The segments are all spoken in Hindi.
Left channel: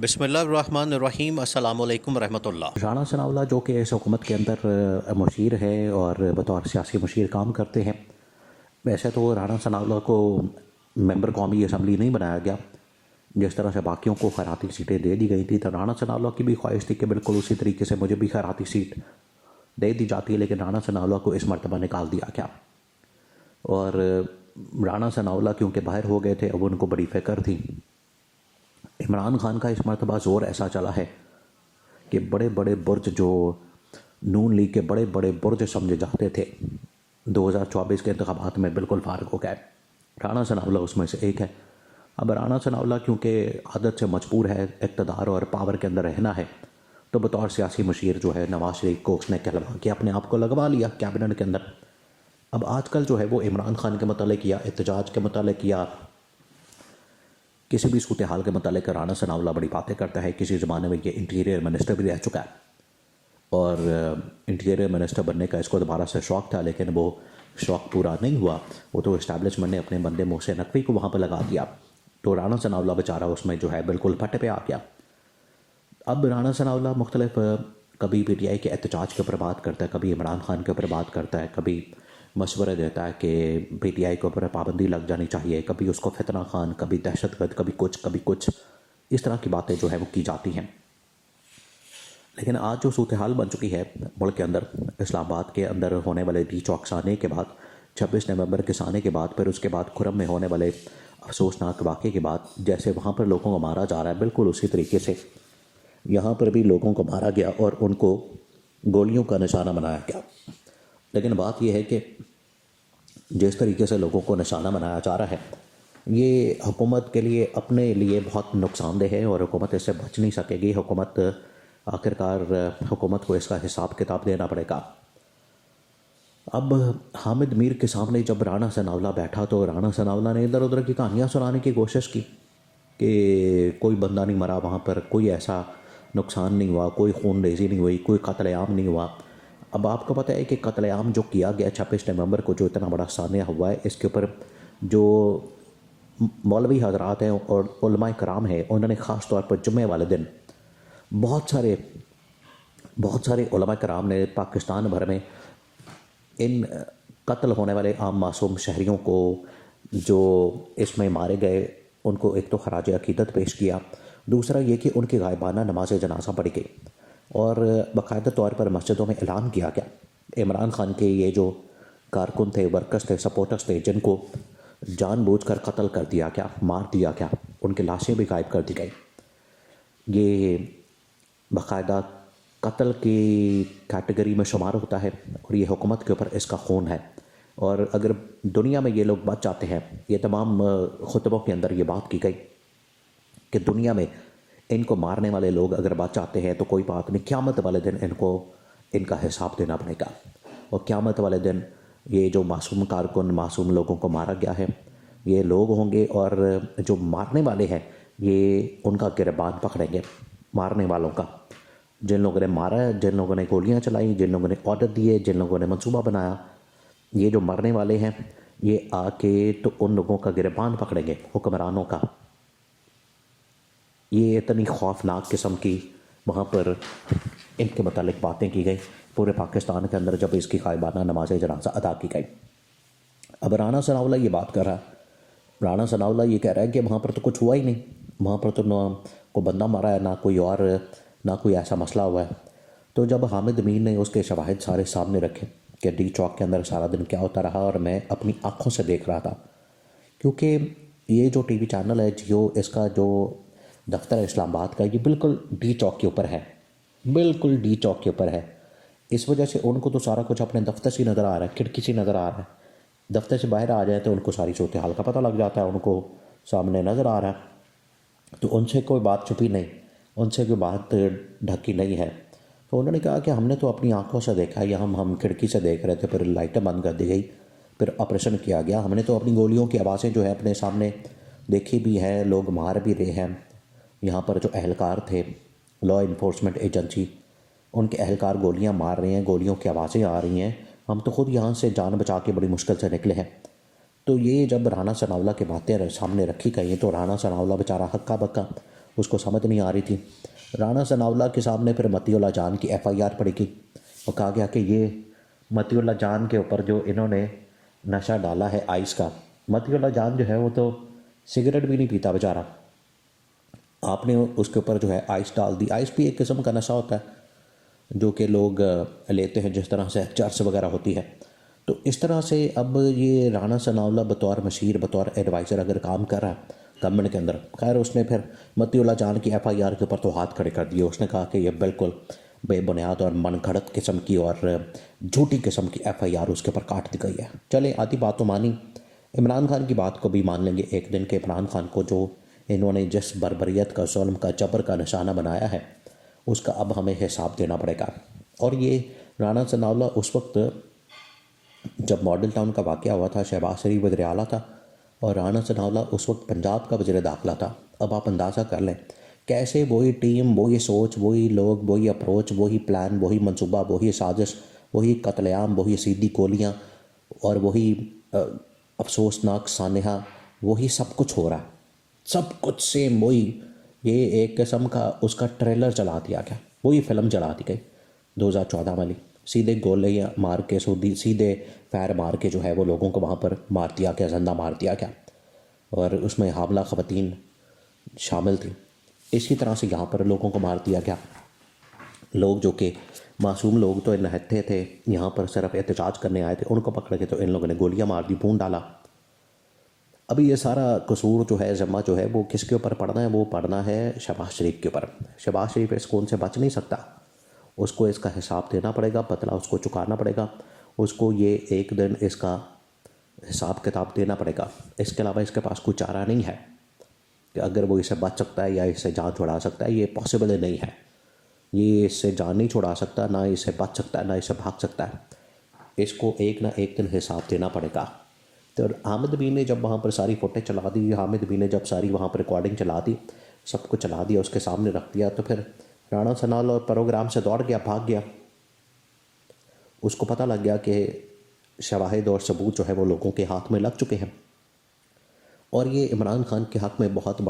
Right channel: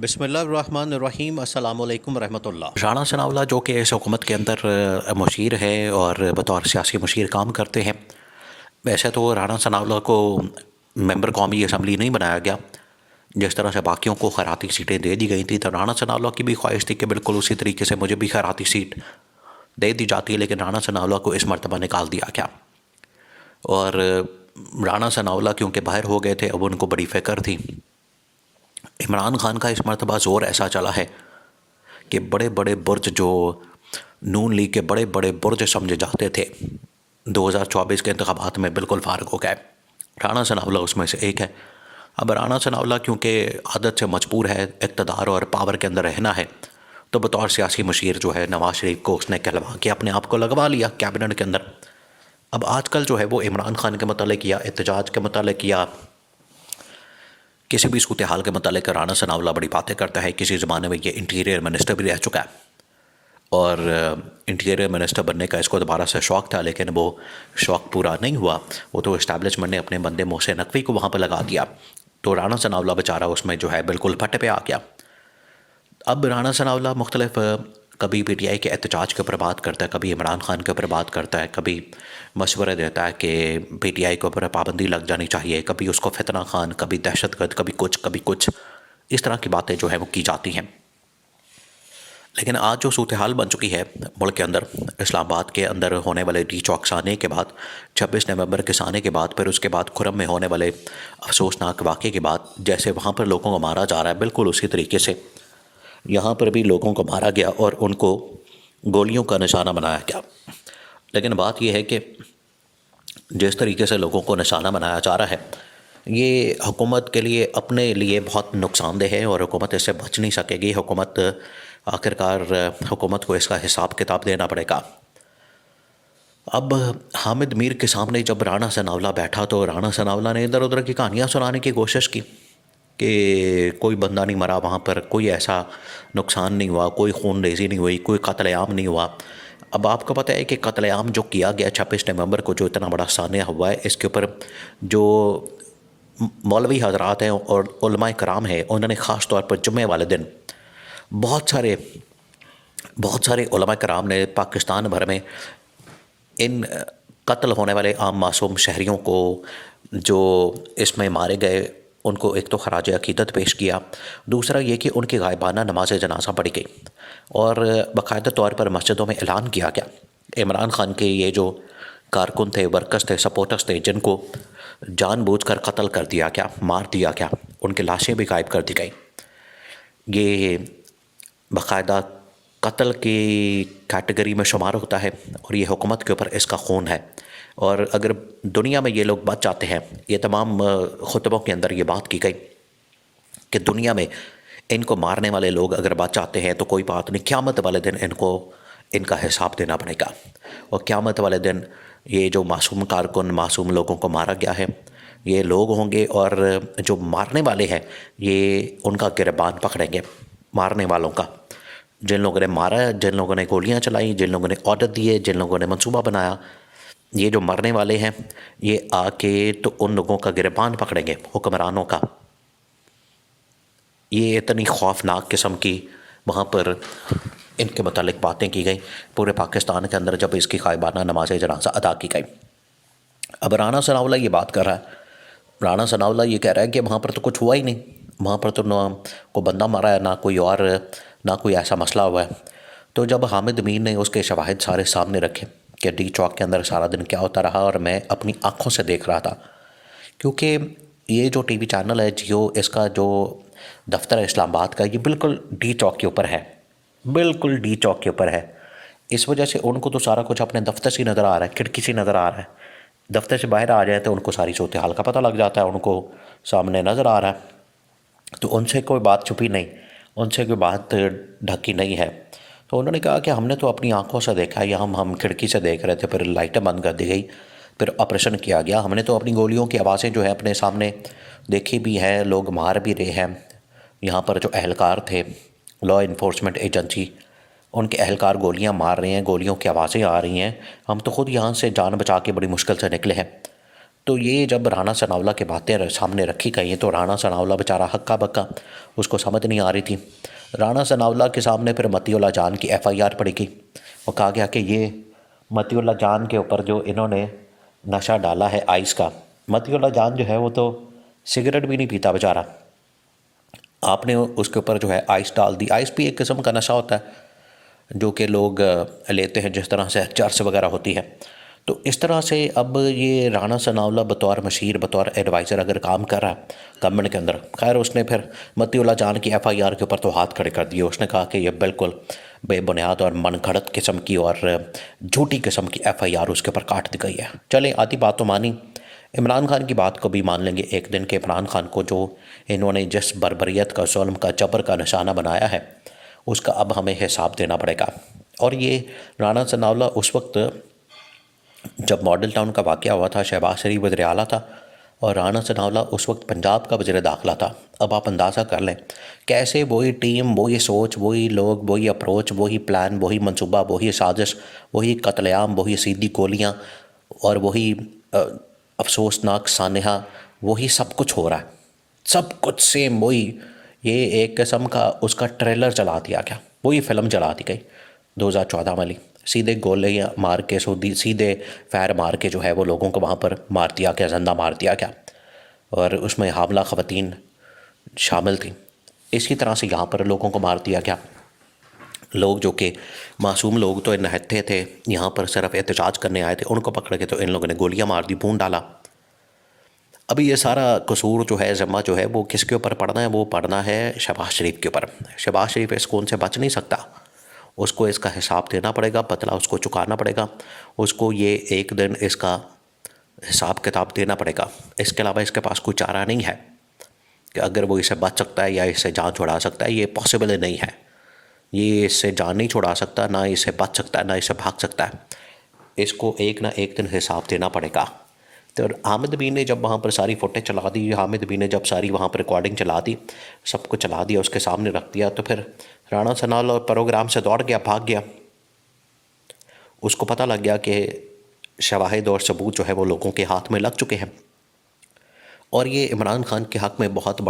बिस्मिल्लाहिर्रहमानिर्रहीम अस्सलामु अलैकुम रहमतुल्लाह। राणा सनाउल्लाह जो कि इस हुकूमत के अंदर मुशीर है और बतौर सियासी मुशीर काम करते हैं। वैसे तो राणा सनाउल्लाह को मेंबर कौमी असम्बली नहीं बनाया गया, जिस तरह से बाकियों को खैराती सीटें दे दी गई थी, तो राणा सनाउल्लाह की भी ख्वाहिश थी कि बिल्कुल उसी तरीके से मुझे भी खैराती सीट दे दी जाती है, लेकिन राणा सनाउल्लाह को इस मरतबा निकाल दिया गया। और राणा सनाउल्लाह क्योंकि बाहर हो गए थे, अब उनको बड़ी फ़िक्र थी। इमरान खान का इस मरतबा ज़ोर ऐसा चला है कि बड़े बड़े बुर्ज जो नून लीग के बड़े बड़े बुर्ज समझे जाते थे 2024 के इंतखाबात में बिल्कुल फारग हो गए। राणा सनाउल्लाह उसमें से एक है। अब राणा सनाउल्लाह क्योंकि आदत से मजबूर है, इक़्तिदार और पावर के अंदर रहना है, तो बतौर सियासी मशीर जो है नवाज शरीफ को उसने कहलवा के अपने आप को लगवा लिया कैबिनेट के अंदर। अब आजकल जो है वो इमरान खान के मतलब या एहतजाज के मतलब या किसी भी सूरत हाल के मतलब राणा सनाउल्लाह बड़ी बातें करता है। किसी ज़माने में ये इंटीरियर मिनिस्टर भी रह चुका है और इंटीरियर मिनिस्टर बनने का इसको दोबारा से शौक़ था, लेकिन वो शौक़ पूरा नहीं हुआ। वो तो इस्टेब्लिशमेंट ने अपने बंदे मोहसिन नकवी को वहाँ पर लगा दिया, तो राणा सनाउल्लाह बेचारा उसमें जो है बिल्कुल फटे पे आ गया। अब राणा सनाउल्लाह मुख्तलिफ कभी PTI के एहतजाज के ऊपर बात करता है, कभी इमरान खान के ऊपर बात करता है, कभी मशवरे देता है कि PTI के ऊपर पाबंदी लग जानी चाहिए, कभी उसको फितना खान, कभी दहशतगर्द, कभी कुछ इस तरह की बातें जो है वो की जाती हैं। लेकिन आज जो सूरत हाल बन चुकी है मुल्क के अंदर, इस्लामाबाद के अंदर होने वाले डी चौक्स आने के बाद, 26 नवंबर के आने के बाद, फिर उसके बाद खुरम में होने वाले अफसोसनाक वाक़े के बाद, जैसे वहाँ पर लोगों को मारा जा रहा है, बिल्कुल उसी तरीके से यहाँ पर भी लोगों को मारा गया और उनको गोलियों का निशाना बनाया गया। लेकिन बात यह है कि जिस तरीके से लोगों को निशाना बनाया जा रहा है, ये हुकूमत के लिए अपने लिए बहुत नुकसानदेह है और हुकूमत इससे बच नहीं सकेगी। हुकूमत आखिरकार हुकूमत को इसका हिसाब किताब देना पड़ेगा। अब हामिद मीर के सामने जब राणा सनाउल्लाह बैठा, तो राणा सनाउल्लाह ने इधर उधर की कहानियाँ सुनाने की कोशिश की कि कोई बंदा नहीं मरा वहाँ पर, कोई ऐसा नुकसान नहीं हुआ, कोई खून रेज़ी नहीं हुई, कोई कत्लेआम नहीं हुआ। अब आपको पता है कि कत्लेआम जो किया गया 26 नवंबर को, जो इतना बड़ा सानिया हुआ है, इसके ऊपर जो मौलवी हज़रात हैं और उलमाए कराम हैं, उन्होंने ख़ास तौर पर जुम्मे वाले दिन बहुत सारे उलमाए कराम ने पाकिस्तान भर में इन कत्ल होने वाले आम मासूम शहरियों को जो इसमें मारे गए, उनको एक तो खराज अकीदत पेश किया, दूसरा ये कि उनकी गायबाना नमाज जनाजा पढ़ी गई और बाकायदा तौर पर मस्जिदों में ऐलान किया गया। इमरान खान के ये जो कारकुन थे, वर्कर्स थे, सपोर्टर्स थे, जिनको जानबूझकर कत्ल कर दिया गया, मार दिया गया, उनकी लाशें भी गायब कर दी गई, ये बाकायदा कत्ल की कैटेगरी में शुमार होता है और ये हुकूमत के ऊपर इसका खून है। और अगर दुनिया में ये लोग बच जाते हैं, ये तमाम खुतबों के अंदर ये बात की गई कि दुनिया में इनको मारने वाले लोग अगर बच जाते हैं तो कोई बात नहीं, क़यामत वाले दिन इनको इनका हिसाब देना पड़ेगा। और क़यामत वाले दिन ये जो मासूम कारकुन, मासूम लोगों को मारा गया है, ये लोग होंगे और जो मारने वाले हैं ये उनका गिरबान पकड़ेंगे, मारने वालों का, जिन लोगों ने मारा, जिन लोगों ने गोलियां चलाई, जिन लोगों ने ऑर्डर दिए, जिन लोगों ने मंसूबा बनाया, ये जो मरने वाले हैं ये आके तो उन लोगों का गिरबान पकड़ेंगे, हुक्मरानों का। ये इतनी खौफनाक किस्म की वहाँ पर इनके मुतालिक बातें की गई पूरे पाकिस्तान के अंदर जब इसकी गायबाना नमाज जनाजा अदा की गई। अब राणा सनाउल्लाह ये बात कर रहा है, राणा सनाउल्लाह ये कह रहा है कि वहाँ पर तो कुछ हुआ ही नहीं, वहाँ पर तो ना कोई बंदा मारा है, ना कोई ऐसा मसला हुआ है। तो जब हामिद मीर ने उसके शवाहिद सारे सामने रखे कि डी चौक के अंदर सारा दिन क्या होता रहा, और मैं अपनी आँखों से देख रहा था, क्योंकि ये जो TV चैनल है जियो, इसका जो दफ्तर है इस्लामाबाद का, ये बिल्कुल डी चौक के ऊपर है, बिल्कुल डी चौक के ऊपर है। इस वजह से उनको तो सारा कुछ अपने दफ्तर से नज़र आ रहा है, खिड़की से नज़र आ रहा है। दफ्तर से बाहर आ जाए तो उनको सारी सूरत हाल का पता लग जाता है, उनको सामने नज़र आ रहा है, तो उनसे कोई बात छुपी नहीं, उनसे कोई बात ढकी नहीं है। तो उन्होंने कहा कि हमने तो अपनी आंखों से देखा, या हम खिड़की से देख रहे थे, फिर लाइटें बंद कर दी गई, फिर ऑपरेशन किया गया, हमने तो अपनी गोलियों की आवाज़ें जो है अपने सामने देखी भी हैं, लोग मार भी रहे हैं। यहाँ पर जो अहलकार थे, लॉ इन्फोर्समेंट एजेंसी, उनके अहलकार गोलियाँ मार रहे हैं, गोलियों की आवाज़ें आ रही हैं, हम तो ख़ुद यहाँ से जान बचा के बड़ी मुश्किल से निकले हैं। तो ये जब राणा सनावला की बातें सामने रखी गई हैं तो राणा सनावला बेचारा हक्का बक्का, उसको समझ नहीं आ रही थी। राणा सनावला के सामने फिर मतीउल्लाह जान की एफआईआर पड़ी गई और कहा गया कि ये मतीउल्लाह जान के ऊपर जो इन्होंने नशा डाला है आइस का, मतीउल्लाह जान जो है वो तो सिगरेट भी नहीं पीता बेचारा, आपने उसके ऊपर जो है आइस डाल दी। आइस भी एक किस्म का नशा होता है जो कि लोग लेते हैं, जिस तरह से चर्स वगैरह होती है। तो इस तरह से अब ये राणा सनावला बतौर मशीर, बतौर एडवाइज़र अगर काम कर रहा है गवर्नमेंट के अंदर, खैर उसने फिर मतीउल्लाह जान की एफआईआर के ऊपर तो हाथ खड़े कर दिए। उसने कहा कि ये बिल्कुल बेबुनियाद और मनगढ़ंत किस्म की और झूठी किस्म की एफआईआर उसके ऊपर काट दी गई है। चलें, आधी बात तो मानी, इमरान खान की बात को भी मान लेंगे एक दिन के। इमरान खान को जो इन्होंने जिस बर्बरियत का, जुल्म का, जबर का निशाना बनाया है, उसका अब हमें हिसाब देना पड़ेगा। और ये राणा सनावला उस वक्त जब मॉडल टाउन का वाक़या हुआ था, शहबाज शरीफ वज़ीर आला था और राणा सनावला उस वक्त पंजाब का वज़ीर दाखिला था। अब आप अंदाज़ा कर लें कैसे वही टीम, वही सोच, वही लोग, वही अप्रोच, वही प्लान, वही मंसूबा, वही साजिश, वही कत्लेआम, वही सीधी गोलियाँ और वही अफसोसनाक सानहा, वही सब कुछ हो रहा है, सब कुछ सेम वही। ये एक किस्म का उसका ट्रेलर चला दिया गया, वही फ़िल्म चला दी गई 2014 वाली। सीधे गोले मार के, सीधे फायर मार के जो है वो लोगों को वहाँ पर मार दिया गया, जिंदा मार दिया गया और उसमें हामला ख़वातीन शामिल थी। इसी तरह से यहाँ पर लोगों को मार दिया गया। लोग जो कि मासूम लोग तो निहत्थे थे, यहाँ पर सिर्फ एहतजाज करने आए थे, उनको पकड़ के तो इन लोगों ने गोलियाँ मार दी, भून डाला। अभी ये सारा कसूर जो है, ज़िम्मा जो है वो किसके ऊपर पड़ना है? वो पड़ना है शहबाज शरीफ के ऊपर। शहबाज शरीफ इस कौन से बच नहीं सकता, उसको इसका हिसाब देना पड़ेगा, बदला उसको चुकाना पड़ेगा, उसको ये एक दिन इसका हिसाब किताब देना पड़ेगा। इसके अलावा इसके पास कोई चारा नहीं है कि अगर वो इसे बच सकता है या इससे जान छुड़ा सकता है। ये पॉसिबल नहीं है, ये इससे जान नहीं छुड़ा सकता, ना इससे बच सकता है, ना इससे भाग सकता है। इसको एक ना एक दिन हिसाब देना पड़ेगा। तो हामिद बी ने जब वहाँ पर सारी फुटेज चला दी, हामिद बी ने जब सारी वहाँ पर रिकॉर्डिंग चला दी, सब कुछ चला दिया, उसके सामने रख दिया, तो फिर राणा सनावला और प्रोग्राम से दौड़ गया, भाग गया। उसको पता लग गया कि शवाहिद और सबूत जो है वो लोगों के हाथ में लग चुके हैं और ये इमरान खान के हक़ में बहुत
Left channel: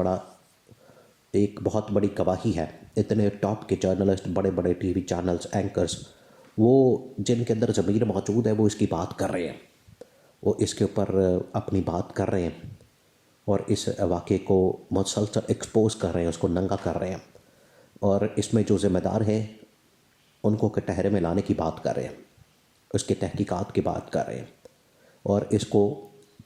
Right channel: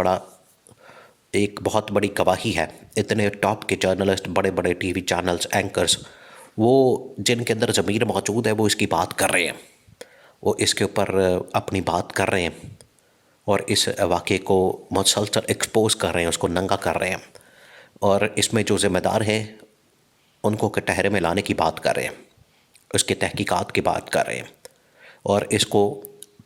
बड़ी गवाही है। इतने टॉप के जर्नलिस्ट, बड़े बड़े टीवी चैनल्स, एंकर्स, वो जिनके अंदर ज़मीर मौजूद है वो इसकी बात कर रहे हैं, वो इसके ऊपर अपनी बात कर रहे हैं और इस वाक़े को मुसलसल एक्सपोज कर रहे हैं, उसको नंगा कर रहे हैं और इसमें जो ज़िम्मेदार हैं उनको कटहरे में लाने की बात कर रहे हैं, उसकी तहकीकात की बात कर रहे हैं और इसको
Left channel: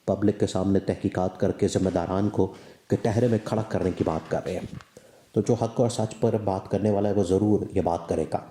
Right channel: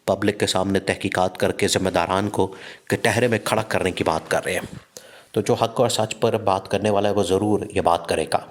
पब्लिक के सामने तहकीकात करके ज़िम्मेदारान को कटहरे में खड़ा करने की बात कर रहे हैं। तो जो हक़ और सच पर बात करने वाला है वो ज़रूर ये बात करेगा।